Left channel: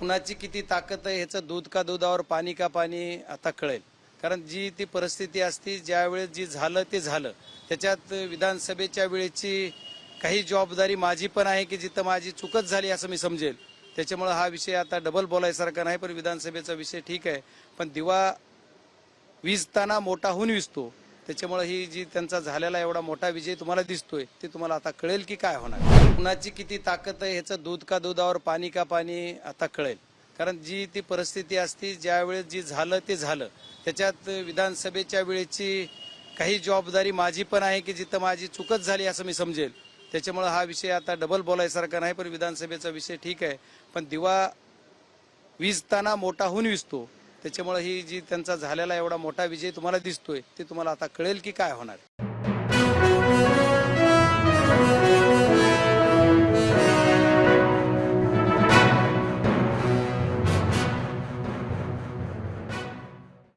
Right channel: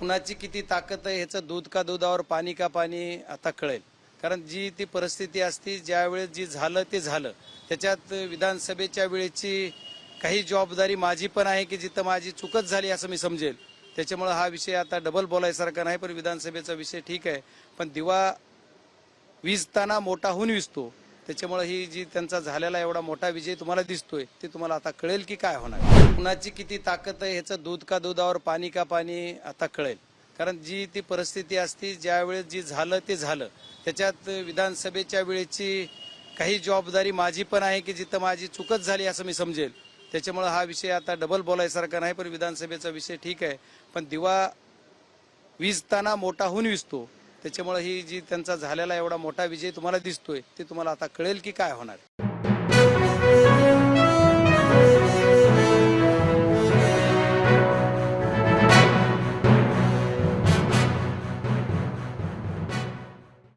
कुणाची किती ताकद आहे ह्याचं दूध का दुधावर पाणी का पाणी आता कळेल. कारण जी ती परिस्थिती असती ज्यावेळेस जी झालं ते झालं. त्याच्यात विधानसभेच्या वेळेची काही जबाबदारी माझी पण आहे की जिथं माझी चुकच झाली असं मी समजेल. त्याच्यामुळे हा विषय आता डबल बोलायसारखा नाही पण विधानसभेचा विषय ठीक आहे. पण दिवा विजताना मोठा होऊन विजतो. त्याच्यामुळे ही जी त्यांचा झालेला एवढा मोठा विजय तुम्हाला दिसतोय ते तुम्हाला आता कळेल की काय होणार. कुणाची किती ताकद आहे ह्याचं दूध का दुधावर पाणी का पाणी आता कळेल. कारण जी ती परिस्थिती असती ज्यावेळेस जी झालं ते झालं. त्याच्यात विधानसभेच्या वेळेची काही जबाबदारी माझी पण आहे की जिथं माझी चुकच झाली असं मी समजेल. त्याच्यामुळे हा विषय आता डबल बोलायसारखा नाही पण विधानसभेचा विषय ठीक आहे. पण दिवा विजताना मोठा होऊन विजतो. त्याच्यामुळे ही जी त्यांचा झालेला एवढा मोठा विजय तुम्हाला दिसतोय ते तुम्हाला आता कळेल की काय होणार.